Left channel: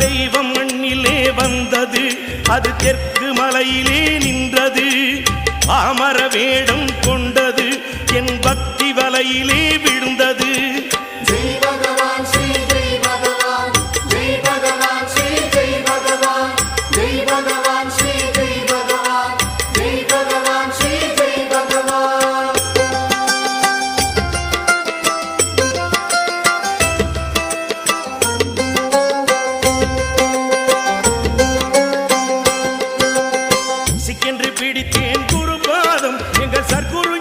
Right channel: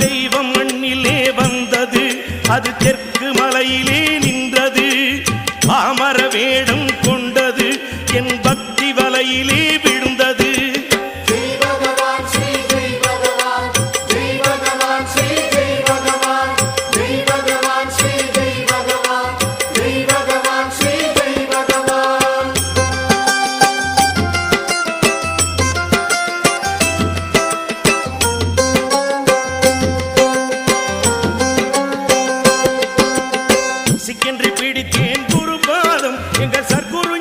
தெய்வம் மண்ணிலே வந்தது, அது தெற்கு மலையிலே நின்றது. பாமர வேடம் கொண்டது, என் பக்தி வலையிலே விழுந்தது. சிக்கென்று பிடித்தேன் குருபாதம், எங்கள் சர்க்குரு